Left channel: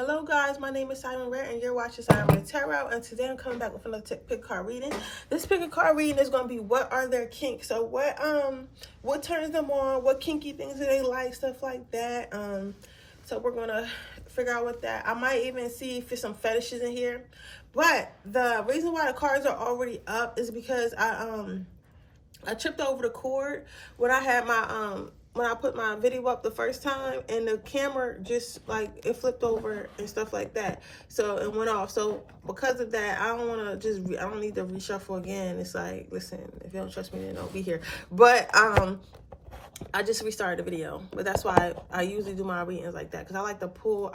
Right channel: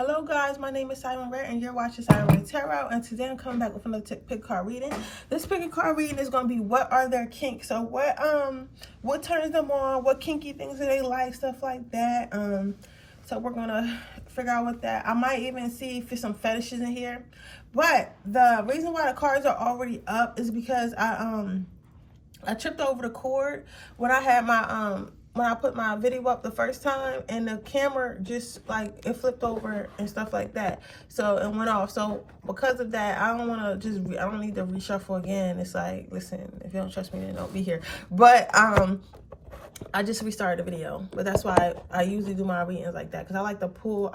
Hello guys, my name is Siren Redd and you're watching Siren Redd Tarot, and today I'm coming back with another pick card reading. This pick card reading is going to be what are their kinks. So what turns them on, what kinky things do they like, stuff like that. So we're going to figure out what that. I might even see if there's some fetishes in here. But the reason why the cards are already up is because I tripped over the cord when I had my when I put my video up the first time, and the camera just like it flipped over and stuff like that, so it went off. So because of that, I don't want to I don't need to reshuffle again. It's like, listen, if you don't trust me, then don't be here. But I just restarted the video, but that's why I usually do my readings like that, because I like to pull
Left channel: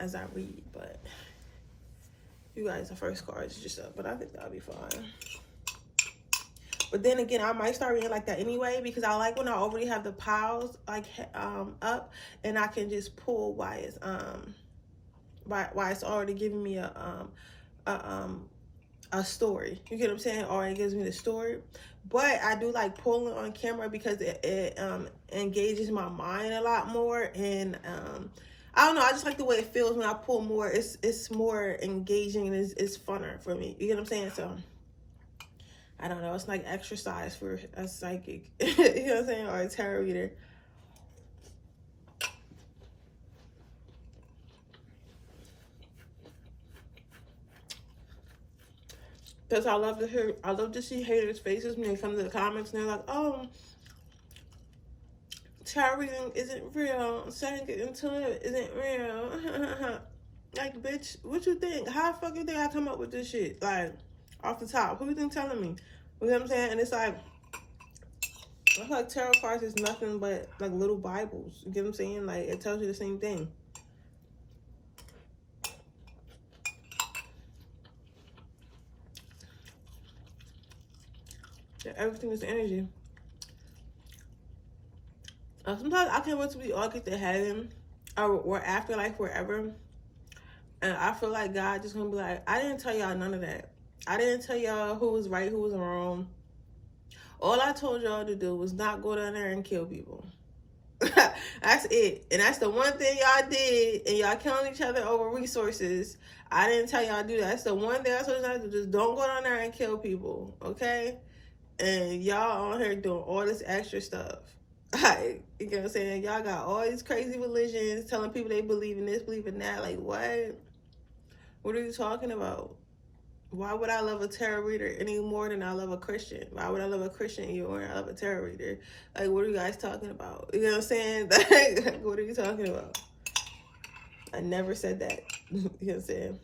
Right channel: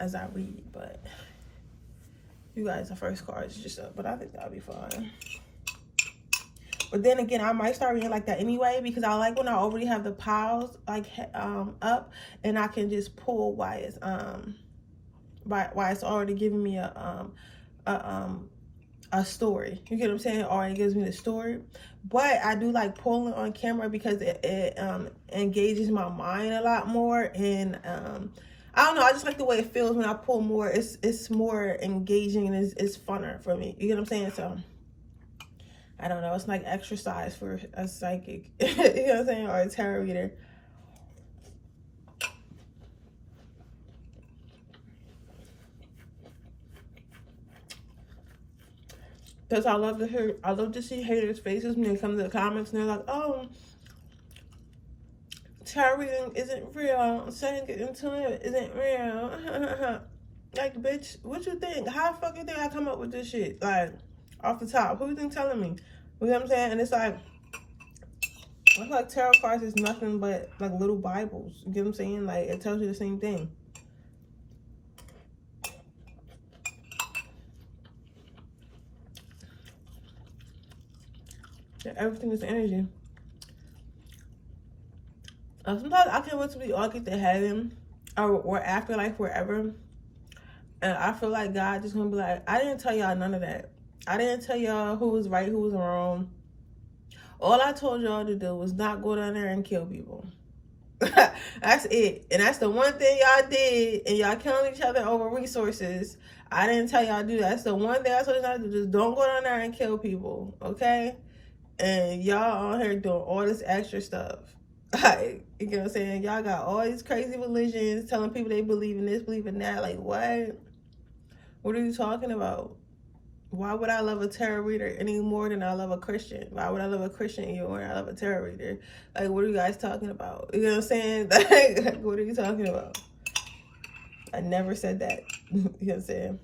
as I read. But you guys, the first card is just up, but I think that'll be fine. But then again, I might start reading like that anyway, because I like when I already have the piles like up, and I can just pull why it's already giving me a story. You get what I'm saying? Or it gives me the story. But I do like pulling on camera because it engages my mind a lot more, and I don't know, I just like the way it feels when I pull more. It's more engaging and it's funner for me. You get what I'm saying? So I don't know, it's like exercise for a psychic. You know what I'm saying? Or a tarot reader. Because I love to see haters' faces when they come to the comments and they're like, oh, tarot reading isn't real, saying it into it isn't real. Like, bitch, what you think? How fucking did I come up with this shit? Like, off the top, who you think telling me? You know what I'm saying? And it's like, I feel like tarot cards is nothing but like little Bibles. You get what I'm saying? Like, it tells you the same thing. Everything is energy. Sometimes I can't wait till we all get to heaven or afterlife, wherever. And I feel like God just gonna be like, I didn't tell y'all none of that. I didn't tell y'all who was right, who was wrong. All I told y'all to do was not go down there and kill people. That's it. And that's the one thing y'all did. And y'all killing each other over resources. I didn't tell y'all to do that. That's the one thing I told y'all to do. Just don't go down there and kill people. Okay? And y'all on here doing all this extra stuff. Like, you know what I'm saying? Y'all got all these crazy religions telling people they believe in this, believe in that. Like, what? What are you talking about? Why would I love a tarot reader any more than I love a Christian? Why would I love a Christian any more than I love a tarot reader? Like, what are you guys talking about? You know what I'm saying? Like, what are you talking about? I never said that. You know what I'm saying?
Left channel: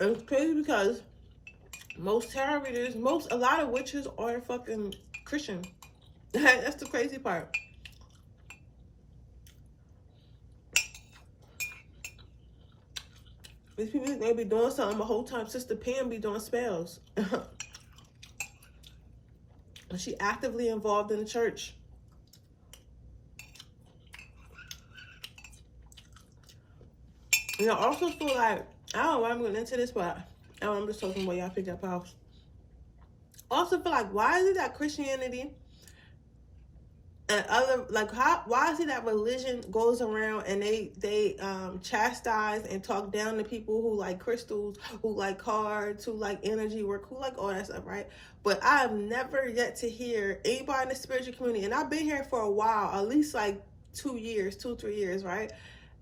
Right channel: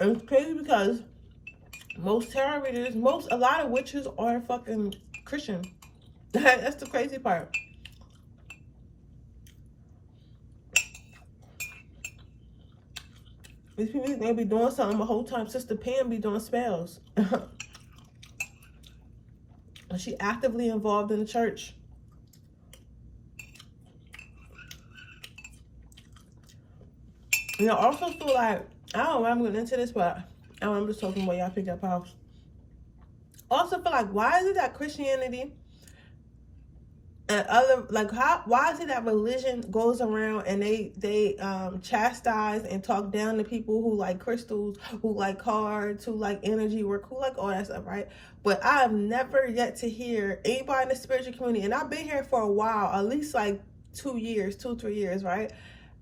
And it's crazy because most tarot readers, a lot of witches are fucking Christian. That's the crazy part. These people, they be doing something the whole time. Sister Pam be doing spells. And she actively involved in the church. You know, I also feel like, I don't know why I'm getting into this, but I'm just talking about y'all pick up house. Also feel like, why is it that Christianity and other, like, why is it that religion goes around and they chastise and talk down to people who like crystals, who like cards, who like energy work, who like all that stuff, right? But I have never yet to hear anybody in the spiritual community, and I've been here for a while, at least like 2 years, 2-3 years, right?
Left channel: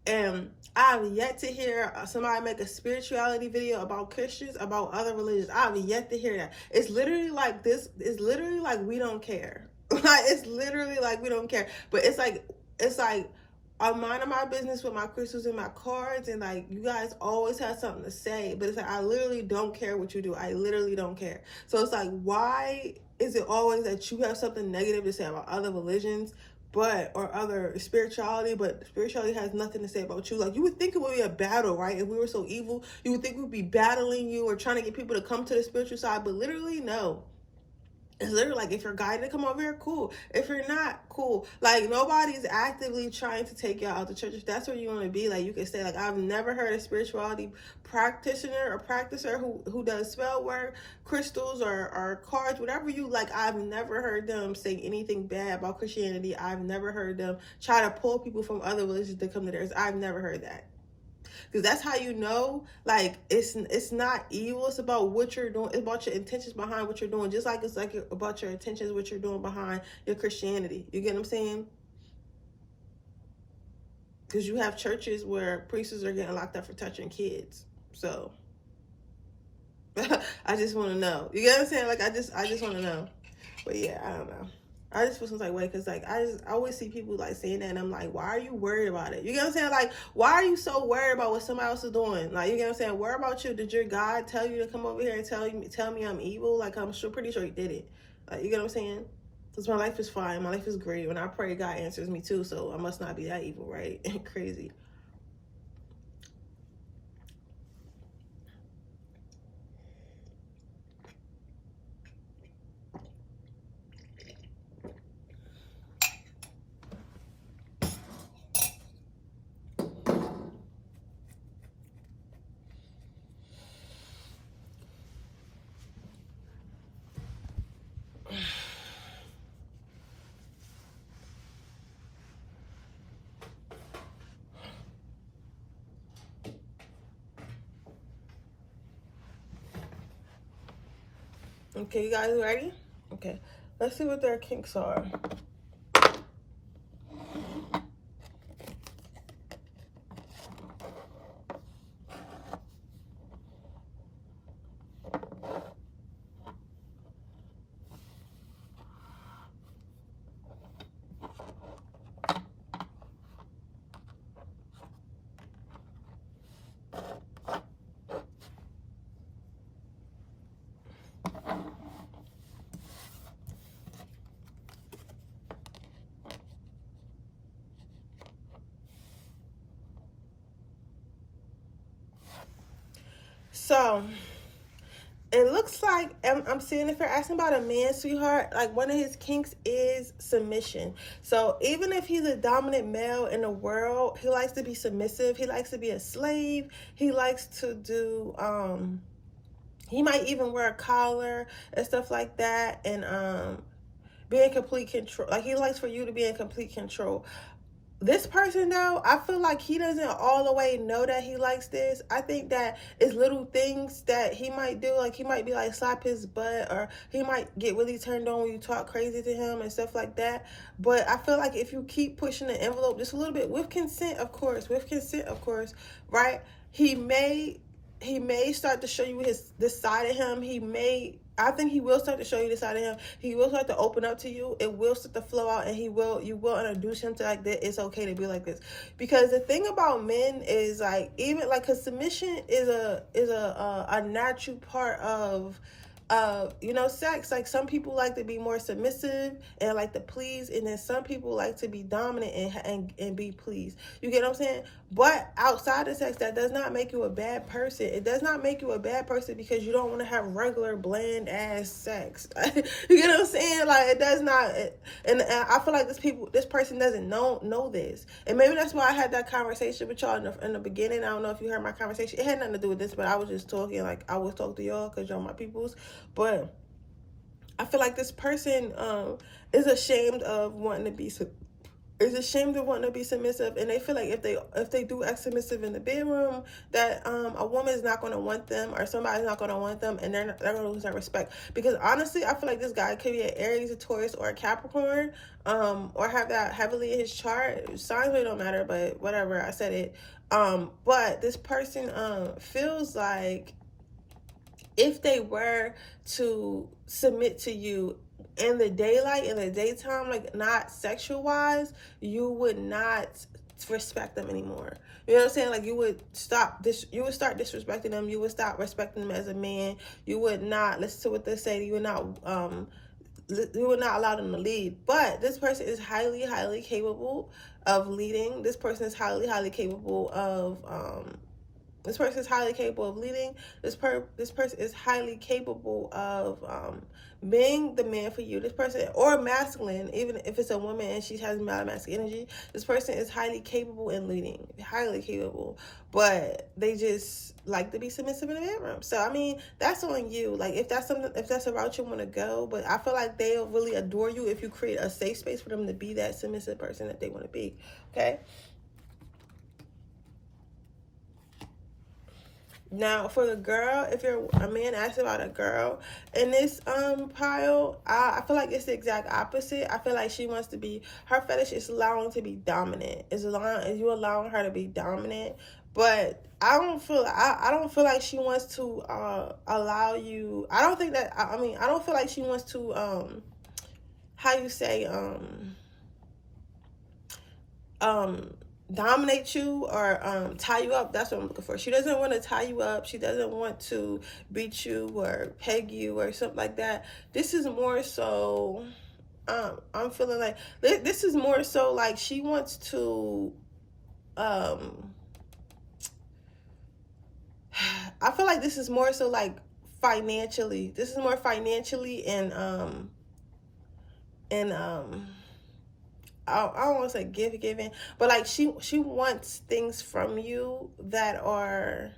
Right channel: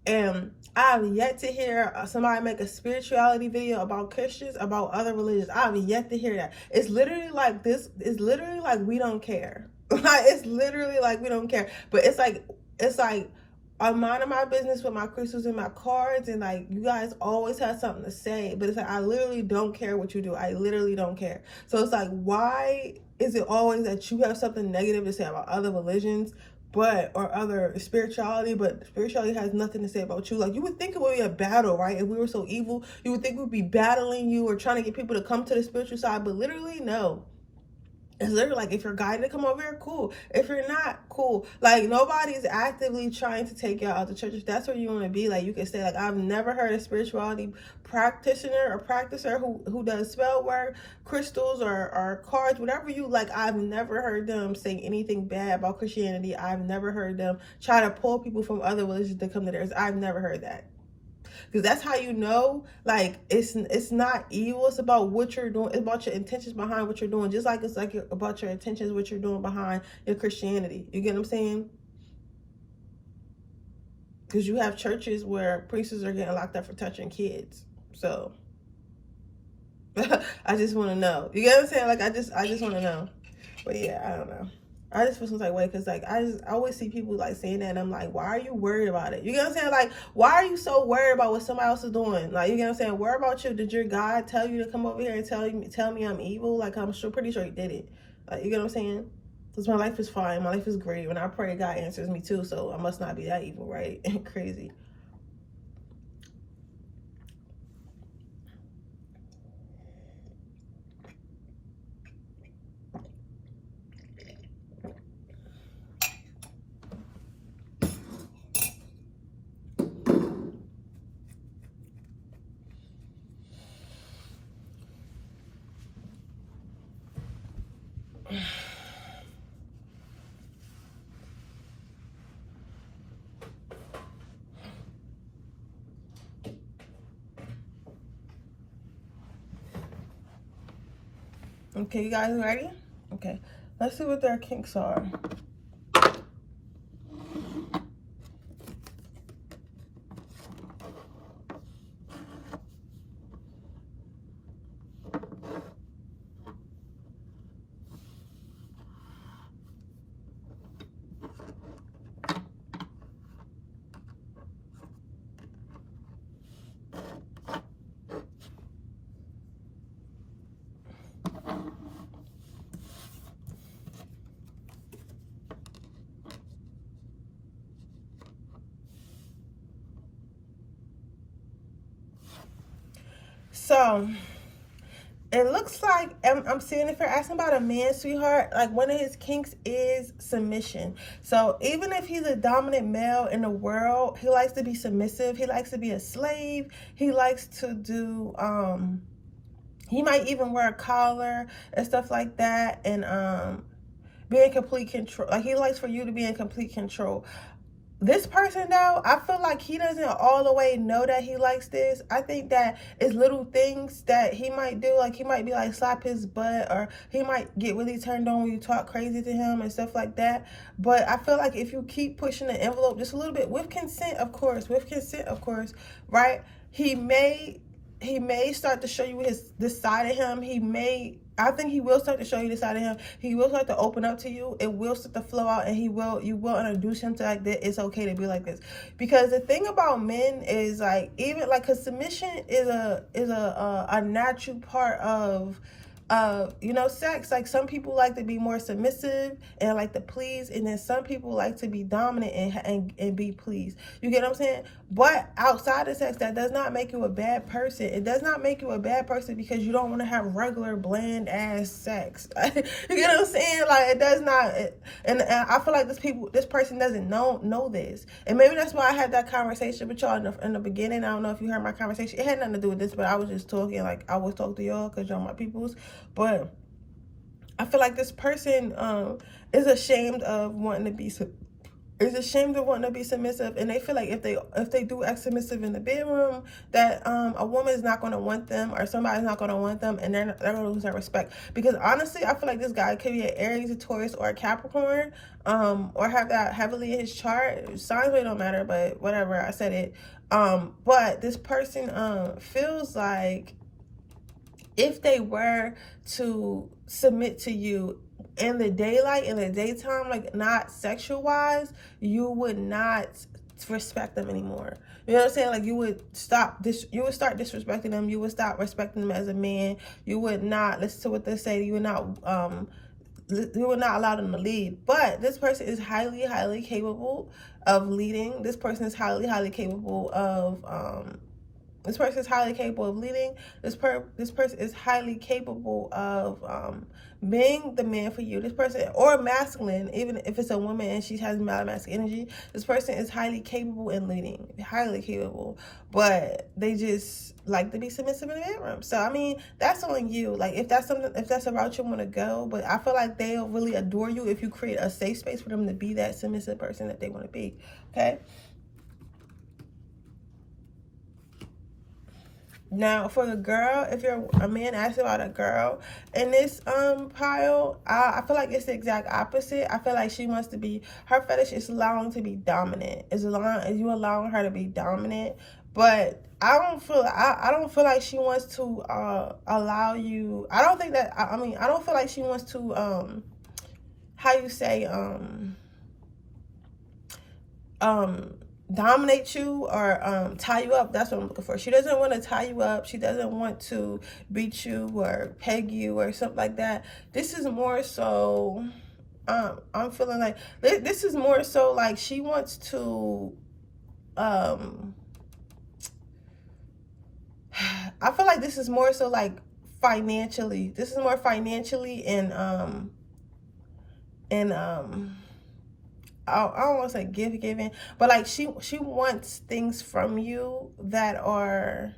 And I've yet to hear somebody make a spirituality video about Christians, about other religions. I've yet to hear that. It's literally like this. It's literally like we don't care. Like, it's literally like we don't care. But it's like I'm minding my business with my crystals and my cards, and like, you guys always have something to say. But it's like, I literally don't care what you do. I literally don't care. So it's like, why is it always that you have something negative to say about other religions, or other spirituality, but spirituality has nothing to say about you? Like, you would think it would be a battle, right? If we were so evil, you would think we'd be battling you or trying to get people to come to the spiritual side, but literally, no. It's literally like, if you're guided to come over here, cool. If you're not, cool. Like, nobody's actively trying to take y'all out the church. If that's where you want to be, like, you can say, like, I've never heard a spirituality practitioner or practicer who does spell work, crystals, or cards, whatever you like. I've never heard them say anything bad about Christianity. I've never heard them try to pull people from other religions to come to theirs. I've never heard that. Because that's how you know, like, it's not evil. It's about what you're doing. It's about your intentions behind what you're doing. Just like it's like about your intentions, what you're doing behind your Christianity. You get what I'm saying? Because you have churches where priests are getting locked up for touching kids. So I just want to know. You get what I'm saying? Like, I just want to know. But yeah, I don't know. I just feel some type of way, because like I always see people like saying that, and I'm like, why are you worried about it? You get what I'm saying? Like, why are you so worried about what somebody else is doing? Like, you get what I'm saying? Worry about you. Did your God tell you to come over here and tell me I'm evil? Like, I'm pretty sure he did it. Like, you get what I'm saying? Because my life is fine. My life is great. When I pray, God answers me too. So I must not be that evil, right? Crazy. Okay, you guys ready? Okay, let's see what their kinks are. So it looks like I'm seeing, if you're asking about a man, sweetheart, like one of his kinks is submission. So even if he's a dominant male in the world, he likes to be submissive. He likes to be a slave. He likes to do, he might even wear a collar and stuff like that, and be in complete control. Like, he likes for you to be in complete control. This person, though, I feel like he doesn't all the way know that he likes this. I think that it's little things that he might do. Like, he might be like, slap his butt, or he might get really turned on when you talk crazy to him and stuff like that. But I feel like if you keep pushing the envelope just a little bit, with consent, of course, right? He may start to show you this side of him. I think he will start to show you this side of him. He will start to open up to you. It will start to flow out, and you will introduce him to, like, that it's okay to be like this. Because the thing about men is, like, even like, cause submission is a natural part of sex. Like, some people like to be more submissive and like to please, and then some people like to be dominant and be pleased. You get what I'm saying? But outside of sex, that does not make you a bad person. It does not make you a bad person because you don't want to have regular bland ass sex. You get what I'm saying? Like, it does not. And I feel like this person doesn't know this, and maybe that's why I had that conversation with y'all in the beginning. I don't know if you heard my conversation. It had nothing to do with this, but I was just talking, like, I always talk to y'all because y'all my peoples. But I feel like this person is ashamed of wanting to be submissive, and they feel like if they do act submissive in the bedroom, that a woman is not going to want them, or somebody's not going to want them, and they're going to lose their respect. Because honestly, I feel like this guy could be an Aries, a Taurus, or a Capricorn, or have that heavily in his chart. Signs really don't matter, but whatever, I said it. But this person feels like if they were to submit to you in the daylight, in the daytime, like, not sexual wise, you would not respect them anymore. You know what I'm saying? Like, you would start disrespecting them. You would stop respecting them as a man. You would not listen to what they say. You would not allow them to lead. But this person is highly, highly capable of leading. This person is highly, highly capable of This person is highly capable of leading. This person is highly capable of being the man for you. This person, or masculine, even if it's a woman and she has masculine energy, this person is highly capable in leading, highly capable, but they just like to be submissive in the bedroom. So I mean, that's on you. Like if that's a route you want to go, but I feel like they'll really adore you if you create a safe space for them to be that submissive person that they want to be. Okay. Now, for the girl, if you're a man asking about a girl in this pile, I feel like it's the exact opposite. I feel like she wants to be, her fetish is allowing to be dominant. Is you allowing her to be dominant, but I don't feel like she wants to allow you. I don't think that. I mean, I don't feel like she wants to how you say dominate you or tie you up. That's what I'm looking for. She doesn't want to tie you up. She doesn't want to beat you or peg you or something like that. This is more so I'm feeling like this is more so like she wants to I feel like this is more so like financially. This is more financially and I don't want to say giving, but like she wants things from you that are,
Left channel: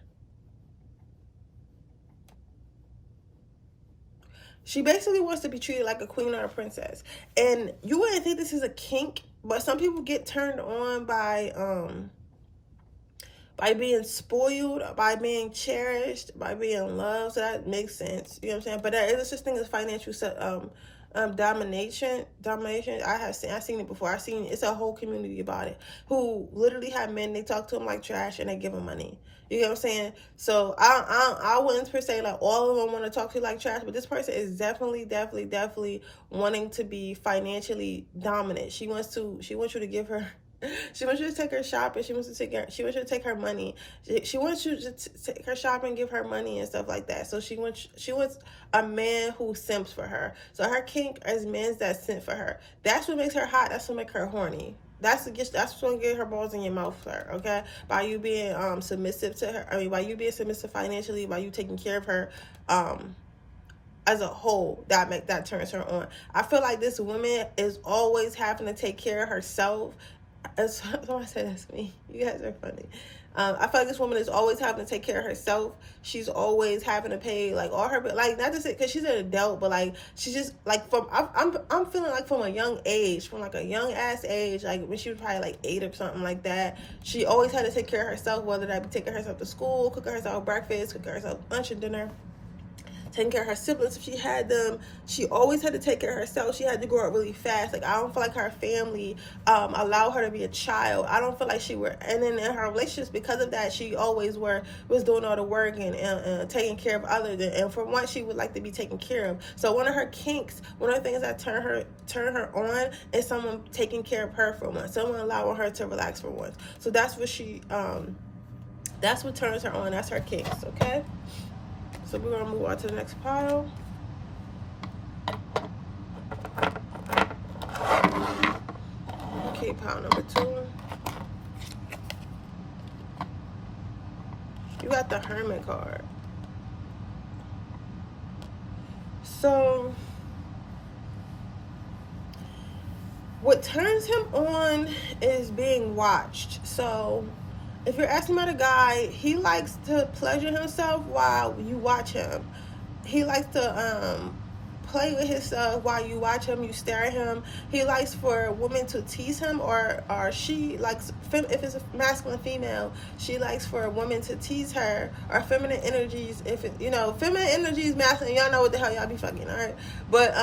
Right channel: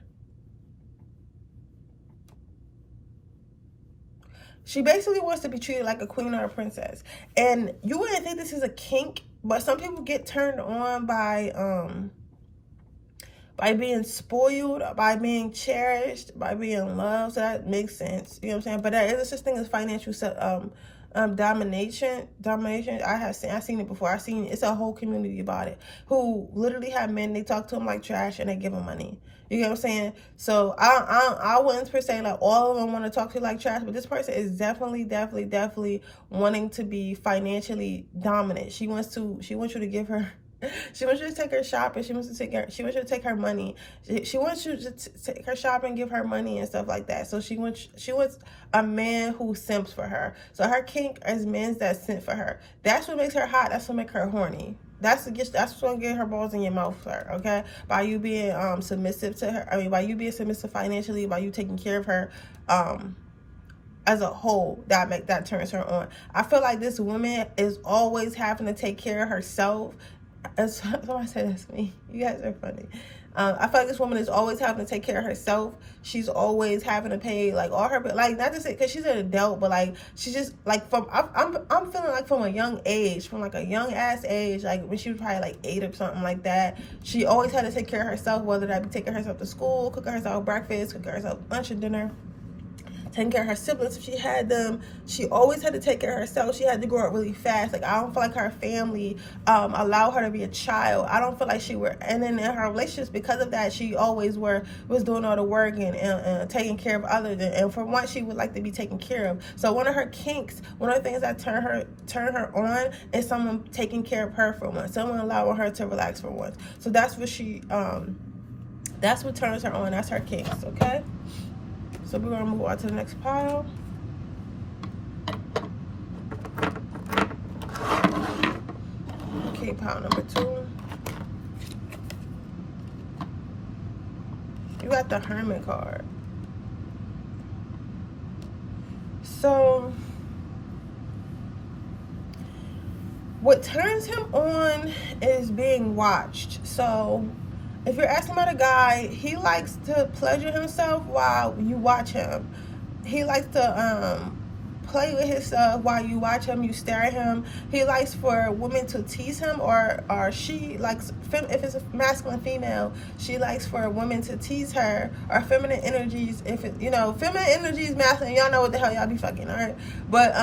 she basically wants to be treated like a queen or a princess. And you wouldn't think this is a kink, but some people get turned on by being spoiled, by being cherished, by being loved. So that makes sense. You know what I'm saying? But there is such thing as financial domination. I've seen it before. It's a whole community about it, who literally have men, they talk to them like trash and they give them money. You get what I'm saying? So I wouldn't per se like all of them want to talk to you like trash, but this person is definitely wanting to be financially dominant. She wants you to give her, she wants you to take her shopping. She wants you to take her money. She wants you to take her shopping, give her money and stuff like that. So she wants a man who simps for her. So her kink is men that simp for her. That's what makes her hot. That's what makes her horny. That's what's gonna get her balls in your mouth for her, okay? By you being submissive to her. I mean, by you being submissive financially, by you taking care of her as a whole, that turns her on. I feel like this woman is always having to take care of herself. Somebody said that's me. You guys are funny. I feel like this woman is always having to take care of herself. She's always having to pay like all her, like not to say because she's an adult, but like she's just like I'm feeling like from a young age, from like a young ass age, like when she was probably like 8 or something like that. She always had to take care of herself, whether that be taking herself to school, cooking herself breakfast, cooking herself lunch and dinner, taking care of her siblings if she had them. She always had to take care of herself. She had to grow up really fast. Like I don't feel like her family allowed her to be a child. I don't feel like she were, and then in her relationships, because of that, she always was doing all the work and taking care of others. And for once, she would like to be taken care of. So one of her kinks, one of the things that turn her on is someone taking care of her for once, someone allowing her to relax for once. So that's what that's what turns her on. That's her kinks. Okay. So we're going to move on to the next pile. Okay, pile number 2. You got the Hermit card. So what turns him on is being watched. So if you're asking about a guy, he likes to pleasure himself while you watch him. He likes to play with himself while you watch him, you stare at him. He likes for women to tease him, or she likes, if it's a masculine female, she likes for women to tease her, or feminine energies. If it, feminine energies, masculine, y'all know what the hell y'all be fucking, all right? But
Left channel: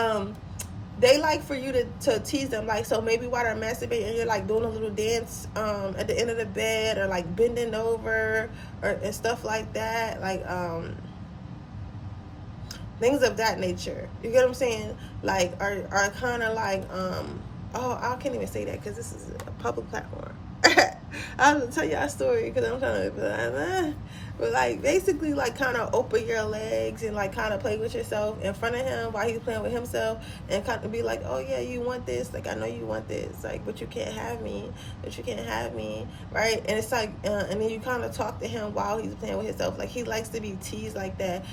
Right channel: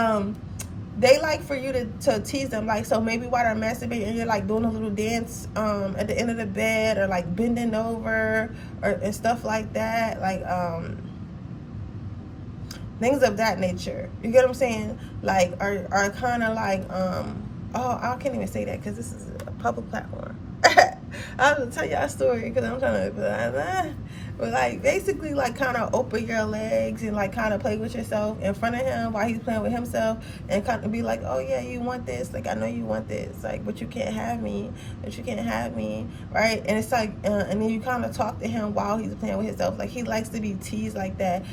they like for you to tease them, like, so maybe while they're masturbating, you're like doing a little dance at the end of the bed, or like bending over, and stuff like that, like things of that nature. You get what I'm saying? Like are kind of like oh, I can't even say that because this is a public platform. I was gonna tell y'all a story because I'm trying to, but like basically like kind of open your legs and like kind of play with yourself in front of him while he's playing with himself, and kind of be like, oh yeah, you want this, like I know you want this, like but you can't have me, right? And it's like and then you kind of talk to him while he's playing with himself. Like he likes to be teased like that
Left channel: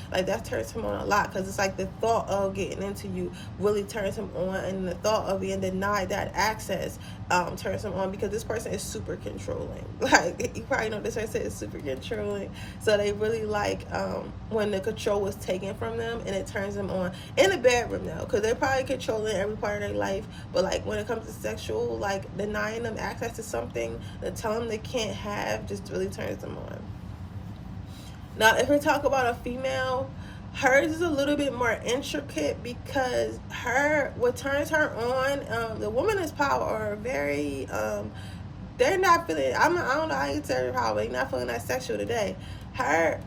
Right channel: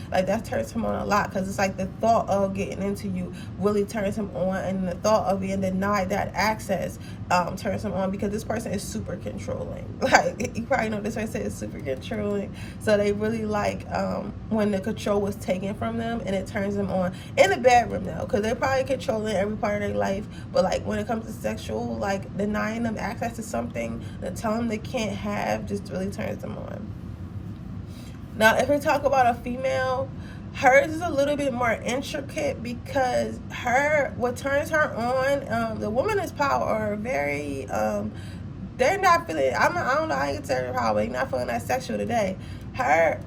turns him on a lot, because it's like the thought of getting into you really turns him on, and the thought of being denied that access turns him on, because this person is super controlling. Like you probably know this person is super controlling, so they really like when the control was taken from them, and it turns them on in the bedroom now, because they're probably controlling every part of their life, but like when it comes to sexual, like denying them access to something that telling them they can't have just really turns them on. Now if we talk about a female, hers is a little bit more intricate, because what turns her on, the woman is power are very they're not feeling, I don't know how you tell her how, but they're not feeling that sexual today.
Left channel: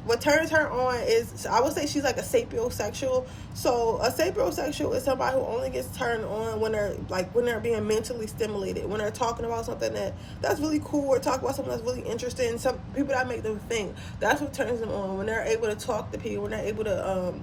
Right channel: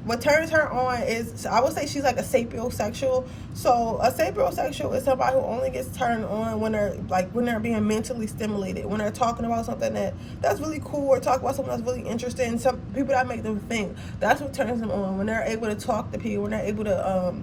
What turns her on is, I would say she's like a sapiosexual. So a sapiosexual is somebody who only gets turned on when they're being mentally stimulated, when they're talking about something that's really cool, or talk about something that's really interesting, some people that make them think. That's what turns them on, when they're able to talk to people, when they're able to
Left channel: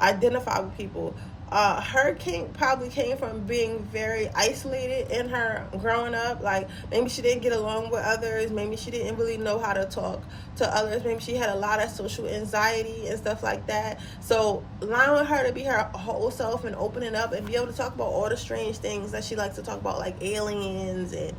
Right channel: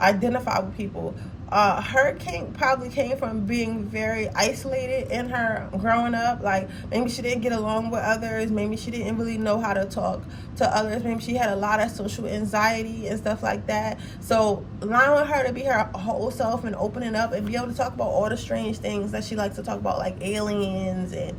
identify with people. Her kink probably came from being very isolated in her growing up. Like maybe she didn't get along with others, maybe she didn't really know how to talk to others, maybe she had a lot of social anxiety and stuff like that. So allowing her to be her whole self and opening up and be able to talk about all the strange things that she likes to talk about, like aliens and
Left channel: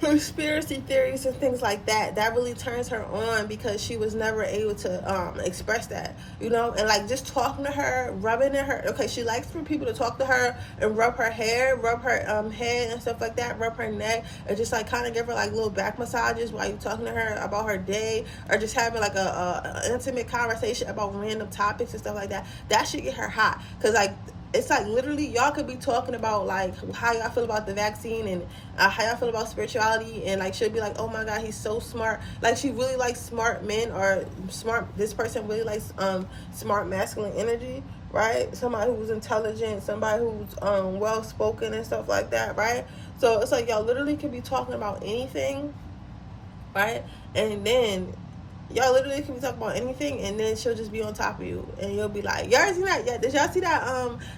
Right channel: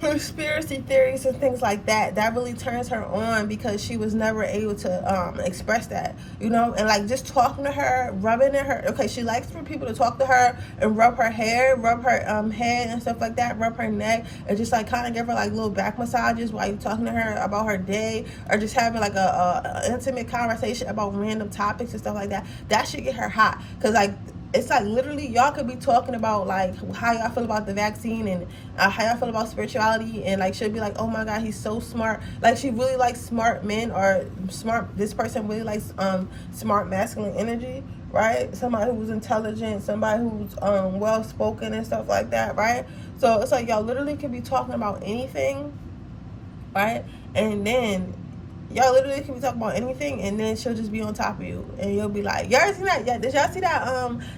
conspiracy theories and things like that, that really turns her on, because she was never able to express that, and like just talking to her, rubbing in her, okay, she likes for people to talk to her and rub her hair, rub her head and stuff like that, rub her neck, and just like kind of give her like little back massages while you're talking to her about her day, or just having like a intimate conversation about random topics and stuff like that. That should get her hot, because like it's like literally y'all could be talking about like how y'all feel about the vaccine, and how y'all feel about spirituality, and like she'll be like, oh my god, he's so smart. Like she really likes smart men, or this person really likes smart masculine energy, right? Somebody who's intelligent, somebody who's well spoken and stuff like that, right? So it's like y'all literally could be talking about anything, right? And then y'all literally can be talking about anything, and then she'll just be on top of you, and you'll be like, y'all seen that? Yeah, did y'all see that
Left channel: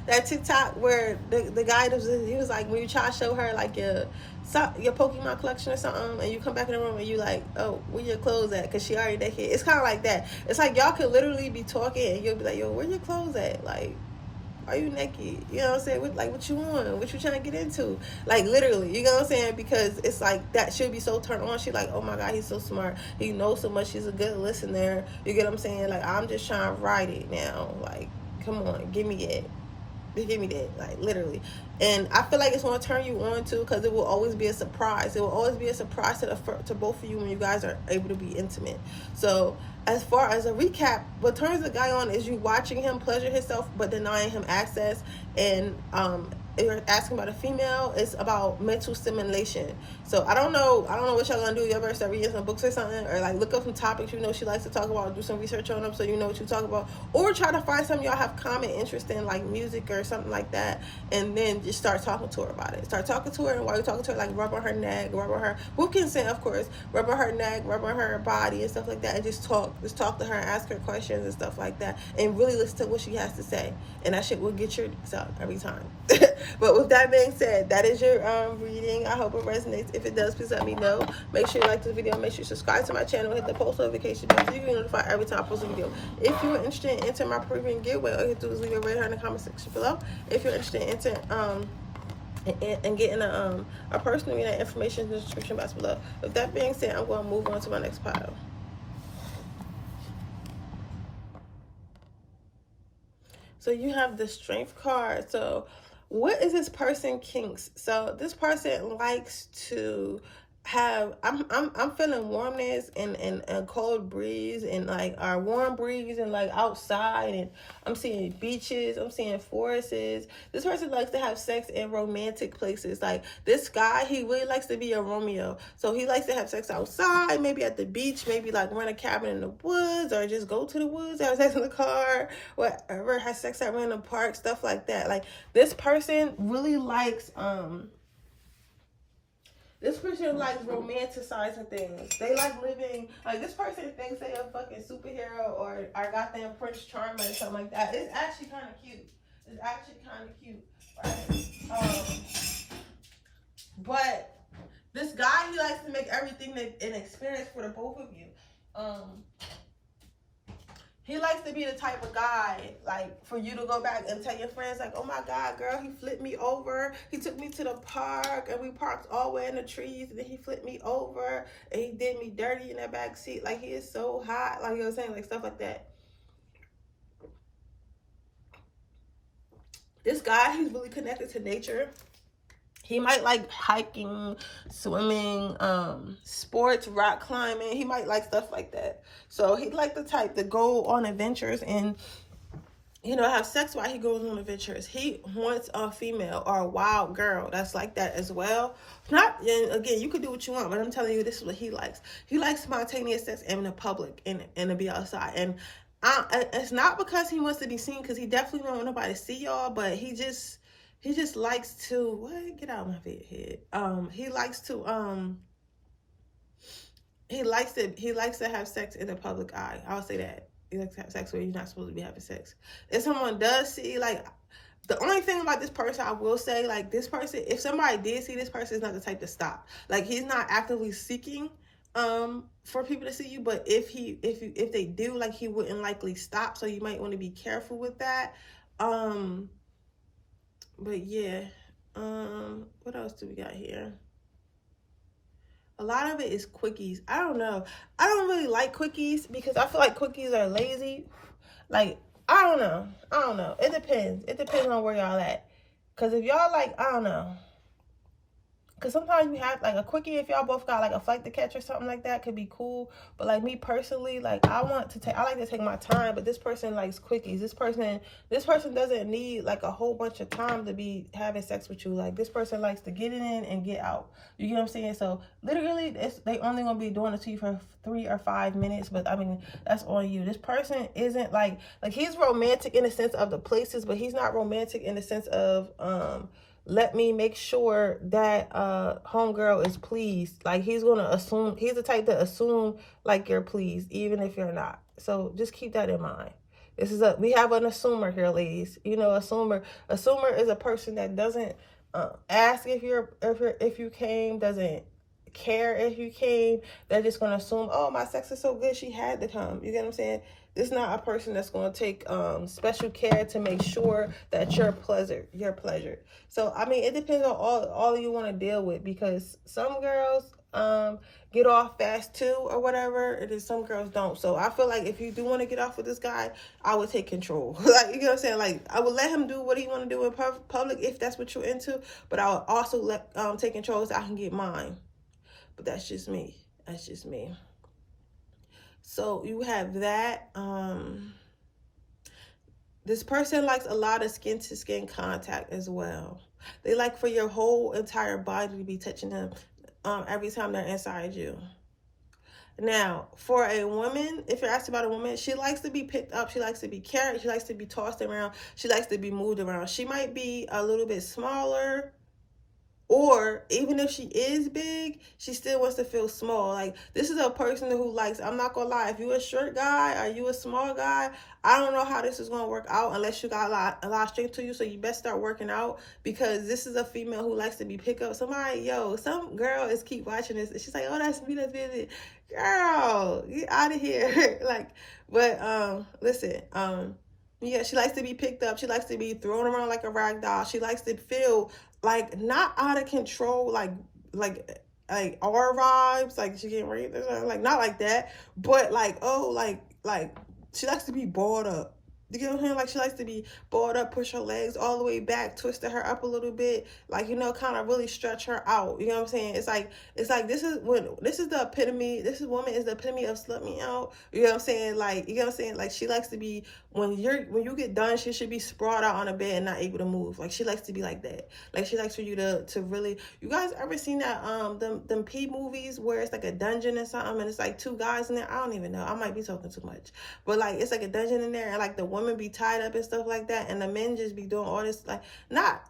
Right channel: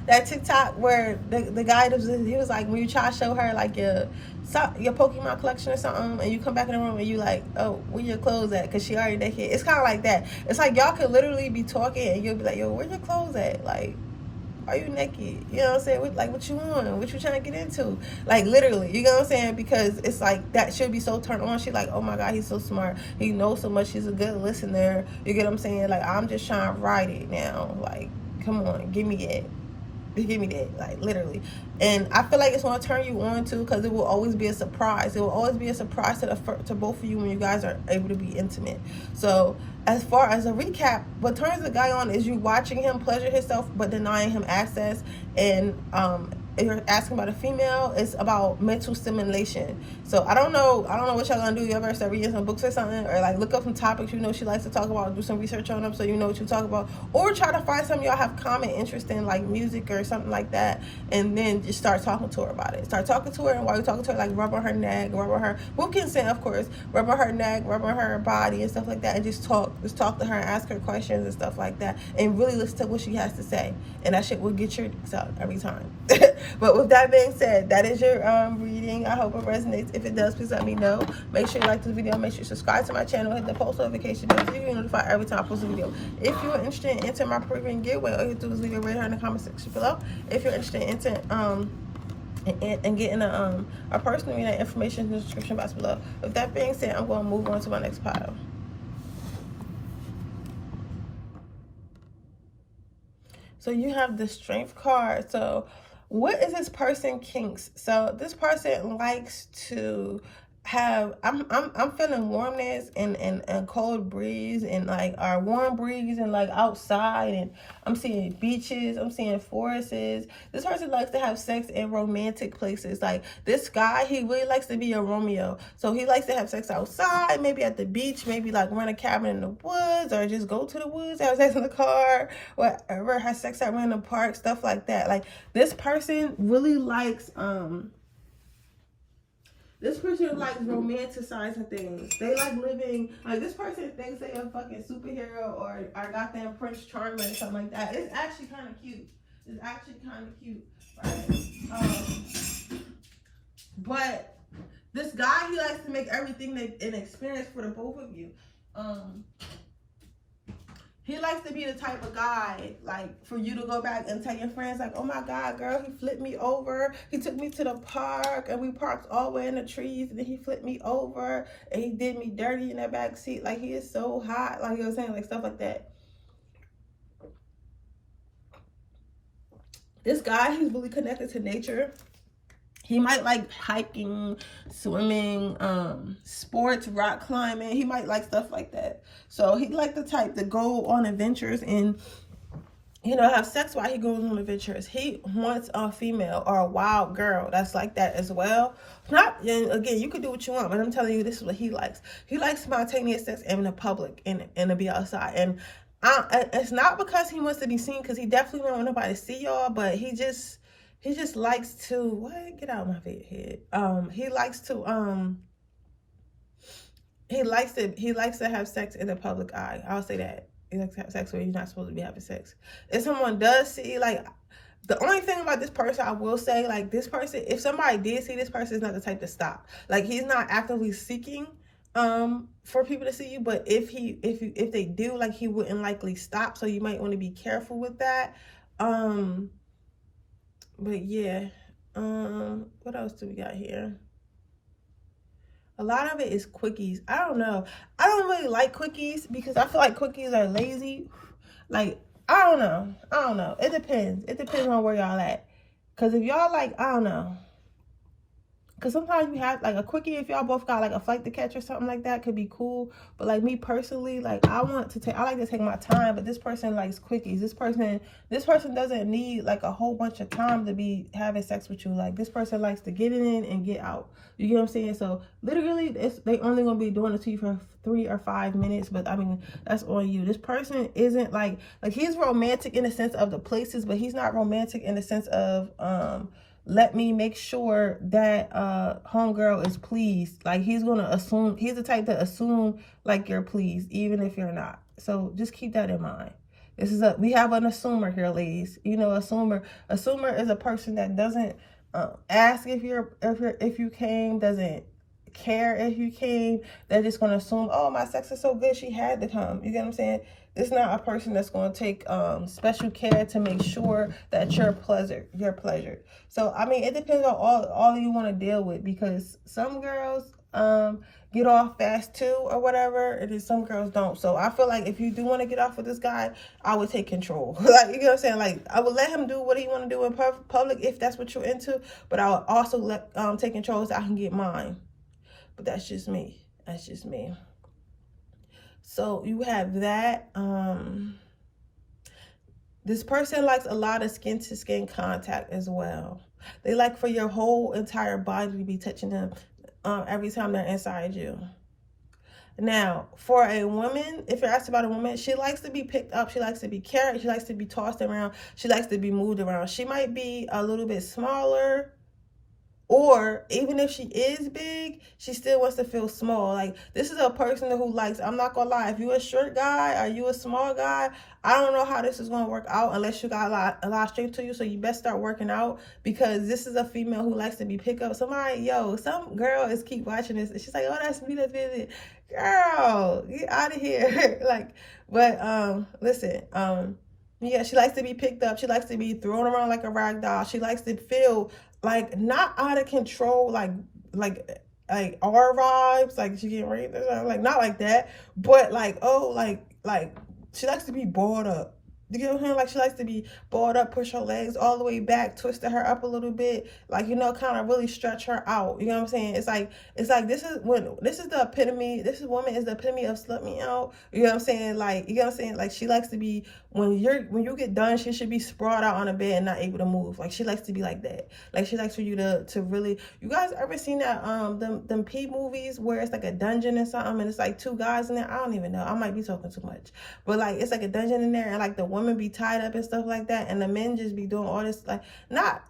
that TikTok where the guy he was like, when you try to show her like your Pokemon collection or something, and you come back in the room and you like, oh, where your clothes at? Because she already naked. It's kind of like that. It's like y'all could literally be talking, and you'll be like, yo, where your clothes at? Like, are you naked? You know what I'm saying? What you want? What you trying to get into? Like literally, you know what I'm saying? Because it's like that should be so turned on. She like, oh my god, he's so smart. He knows so much. He's a good listener. You get what I'm saying? Like I'm just trying to ride it now. Like, come on, give me it. Give me that, like literally. And I feel like it's going to turn you on too, because it will always be a surprise. It will always be a surprise to both of you when you guys are able to be intimate. So as far as a recap, what turns the guy on is you watching him pleasure himself but denying him access. And if you're asking about a female, it's about mental stimulation. So I don't know what y'all gonna do. Y'all better start reading some books or something, or like look up some topics she likes to talk about, do some research on them so you know what you talk about, or try to find something y'all have common interest in, like music or something like that, and then just start talking to her about it. Start talking to her, and while you're talking to her, like rub on her neck, rub on her, with consent of course, rub on her neck, rub on her body and stuff like that, and just talk to her and ask her questions and stuff like that, and really listen to what she has to say, and that shit will get your dicks out every time. But with that being said, that is your reading. I hope it resonates. If it does, please let me know. Make sure you like this video. Make sure you subscribe to my channel. Hit the post notification bell so you get notified every time I post a video. If you're interested in entering my premium giveaway, all you have to do is leave it right here in the comment section below. If you're interested in entering and getting a personal reading, that information in the description box below. With that being said, I'm going to move on to my next pile. So you have the Strength card. So what is this person kinks? So this person likes to I'm feeling warmness and cold breeze and like our warm breeze and like outside, and I'm seeing beaches, I'm seeing forests. This person likes to have sex in romantic places. Like this guy, he really likes to be a Romeo. So he likes to have sex outside, maybe at the beach, maybe like rent a cabin in the woods, or just go to the woods, have sex in the car, whatever, have sex at random parks, stuff like that. Like this person really likes this person likes romanticizing things. They like living, like this person thinks they a fucking superhero or goddamn Prince Charming or something like that. It's actually kind of cute. It's actually kind of cute, right? But this guy, he likes to make everything an experience for the both of you. He likes to be the type of guy, like, for you to go back and tell your friends, like, oh my God, girl, he flipped me over. He took me to the park, and we parked all the way in the trees, and then he flipped me over, and he did me dirty in that back seat. Like, he is so hot. Like, you know what I'm saying? Like, stuff like that. This guy, he's really connected to nature. He might like hiking, swimming, sports, rock climbing. He might like stuff like that. So he like the type to go on adventures and, you know, have sex while he goes on adventures. He wants a female or a wild girl that's like that as well. Not, and again, you can do what you want, but I'm telling you, this is what he likes. He likes spontaneous sex in the public and to be outside. And it's not because he wants to be seen, because he definitely don't want nobody to see y'all, but he just likes to, what? Get out of my head. He likes to have sex in the public eye. I'll say that. He likes to have sex where you're not supposed to be having sex. If someone does see, like, the only thing about this person, I will say, like, this person, if somebody did see this person, is not the type to stop. Like, he's not actively seeking for people to see you, but if they do, like, he wouldn't likely stop, so you might want to be careful with that. But yeah, what else do we got here? A lot of it is quickies. I don't know. I don't really like quickies because I feel like quickies are lazy. Like, I don't know. It depends. It depends on where y'all at. Because if y'all like, I don't know. Because sometimes you have, like, a quickie, if y'all both got, like, a flight to catch or something like that, could be cool. But, like, me personally, like, I like to take my time, but this person likes quickies. This person doesn't need, like, a whole bunch of time to be having sex with you. Like, this person likes to get it in and get out. You get what I'm saying? So, literally, they only going to be doing it to you for 3 or 5 minutes, but, I mean, that's on you. This person isn't, like, he's romantic in the sense of the places, but he's not romantic in the sense of, let me make sure that homegirl is pleased. Like, he's gonna assume, he's the type to assume like you're pleased even if you're not. So just keep that in mind. We have an assumer here, ladies. You know, assumer is a person that doesn't ask if you came, doesn't care if you came. They're just gonna assume, oh, my sex is so good, she had to come. You get what I'm saying? It's not a person that's going to take special care to make sure that you're pleasured. So, I mean, it depends on all you want to deal with, because some girls get off fast too or whatever, and then some girls don't. So I feel like if you do want to get off with this guy, I would take control. Like, you know what I'm saying? Like, I would let him do what he want to do in public if that's what you're into, but I would also take control so I can get mine. But that's just me. That's just me. So you have that. This person likes a lot of skin-to-skin contact as well. They like for your whole entire body to be touching them every time they're inside you. Now, for a woman, if you're asked about a woman, she likes to be picked up. She likes to be carried. She likes to be tossed around. She likes to be moved around. She might be a little bit smaller, or even if she is big, she still wants to feel small. Like, this is a person who likes, I'm not gonna lie, if you're a short guy or you a small guy, I don't know how this is gonna work out unless you got a lot of strength to you. So you best start working out, because this is a female who likes to be picked up. Some girl is keep watching this, and she's like, oh, that's me, that's me. Girl, get out of here. Like, but listen, yeah, she likes to be picked up. She likes to be thrown around like a rag doll. She likes to feel like not out of control, like our vibes, like she getting raped or something, like not like that, but like, oh, like she likes to be balled up. You get what I'm saying? Like, she likes to be balled up, push her legs all the way back, twisted her up a little bit, like, you know, kind of really stretch her out. You know what I'm saying? It's like this is the epitome. This woman is the epitome of slut me out. You know what I'm saying? Like, you know what I'm saying? Like, she likes to be, when you get done, she should be sprawled out on a bed and not able to move. Like, she likes to be like that. Like, she likes for you to really. You guys ever seen that them P movies where it's like a dungeon or something and it's like two guys in there? I don't even know. I might be talking too much, but like, it's like a dungeon in there and like the woman be tied up and stuff like that, and the men just be doing all this, like, not,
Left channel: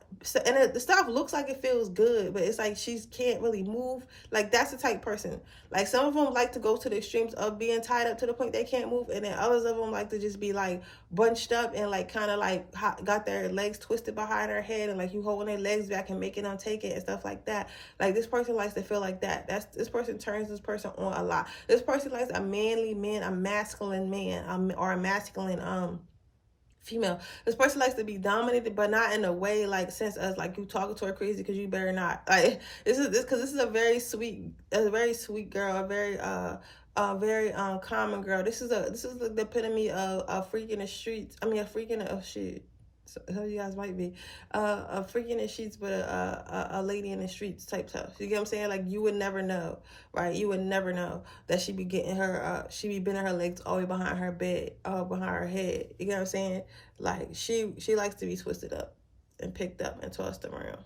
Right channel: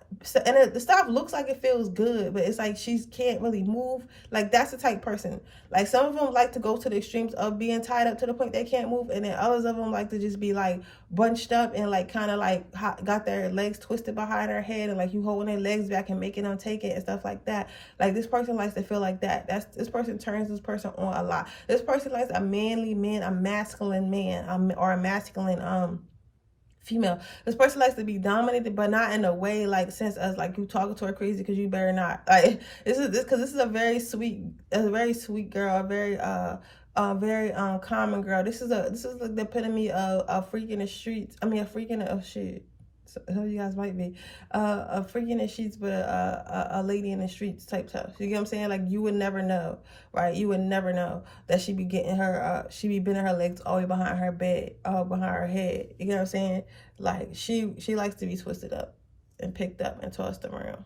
and the stuff looks like it feels good, but it's like she can't really move. Like, that's the type person. Like, some of them like to go to the extremes of being tied up to the point they can't move, and then others of them like to just be like bunched up and like kind of like got their legs twisted behind their head, and like you holding their legs back and making them take it and stuff like that. Like, this person likes to feel like that. This person turns this person on a lot. This person likes a manly man, a masculine man, or a masculine female. This person likes to be dominated, but not in a way like sense as like you talking to her crazy because you better not. Like, this is a very sweet girl, a very common girl. This is like the epitome of a freak in the streets. I mean, a freak in the shit. Some of you guys might be a freak in the sheets, but a lady in the streets type stuff. You get what I'm saying? Like, you would never know, right? You would never know that she be getting her she be bending her legs all the way behind her bed, behind her head. You get what I'm saying? Like, she likes to be twisted up and picked up and tossed around.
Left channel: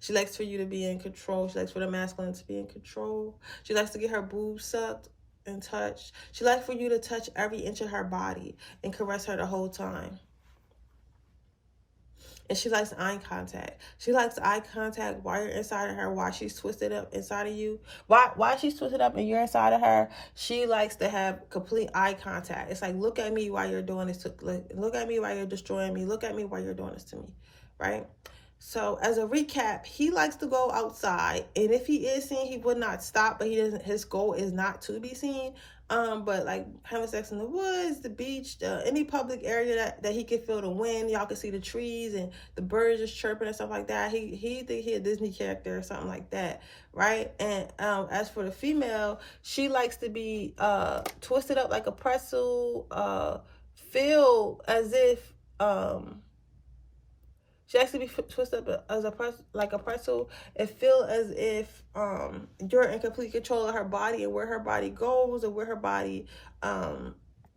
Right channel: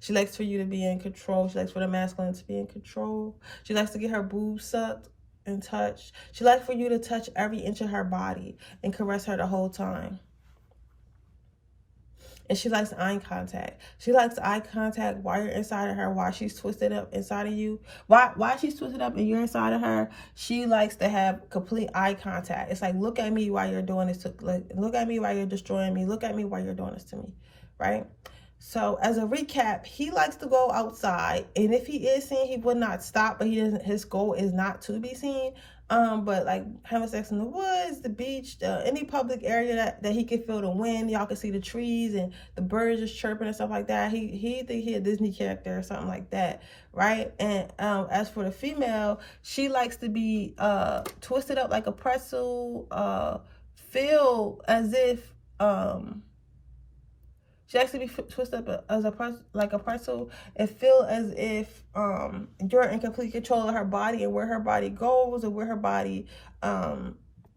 She likes for you to be in control. She likes for the masculine to be in control. She likes to get her boobs sucked and touched. She likes for you to touch every inch of her body and caress her the whole time. And she likes eye contact. She likes eye contact while you're inside of her, while she's twisted up inside of you. While she's twisted up and you're inside of her, she likes to have complete eye contact. It's like, look at me while you're doing this. Look at me while you're destroying me. Look at me while you're doing this to me, right? So as a recap, he likes to go outside, and if he is seen, he would not stop, but he doesn't. His goal is not to be seen. But like having sex in the woods, the beach, any public area that he can feel the wind, y'all can see the trees and the birds just chirping and stuff like that. He think he a Disney character or something like that, right? And as for the female, she likes to be twisted up like a pretzel, feel as if she likes to be twisted up as like a pretzel, and feel as if you're in complete control of her body and where her body goes and where her body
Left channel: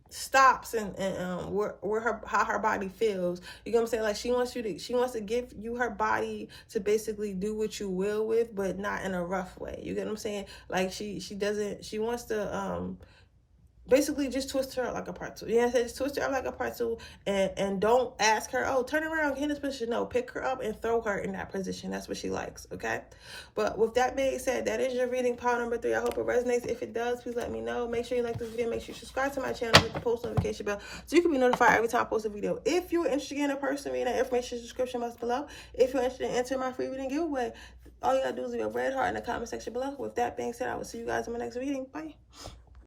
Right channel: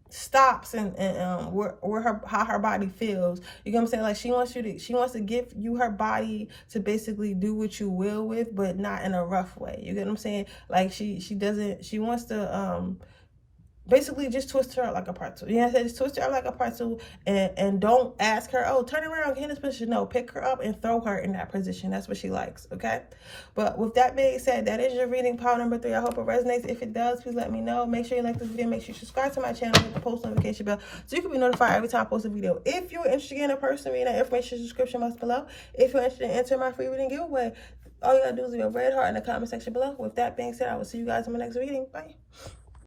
stops and how her body feels. You know what I'm saying? Like, she wants to give you her body to basically do what you will with, but not in a rough way. You get what I'm saying? Like, she wants to basically just twist her up like a pretzel. You know what I'm saying? Just twist her up like a pretzel, and don't ask her, oh, turn around, get in this position. No, pick her up and throw her in that position. That's what she likes, okay? But with that being said, that is your reading part number 3. I hope it resonates. If it does, please let me know. Make sure you like this video. Make sure you subscribe to my channel, hit the post notification bell so you can be notified every time I post a video. If you're interested in a person reading, that information description box below. If you're interested in entering my free reading giveaway, all you gotta do is leave a red heart in the comment section below. With that being said, I will see you guys in my next reading. Bye.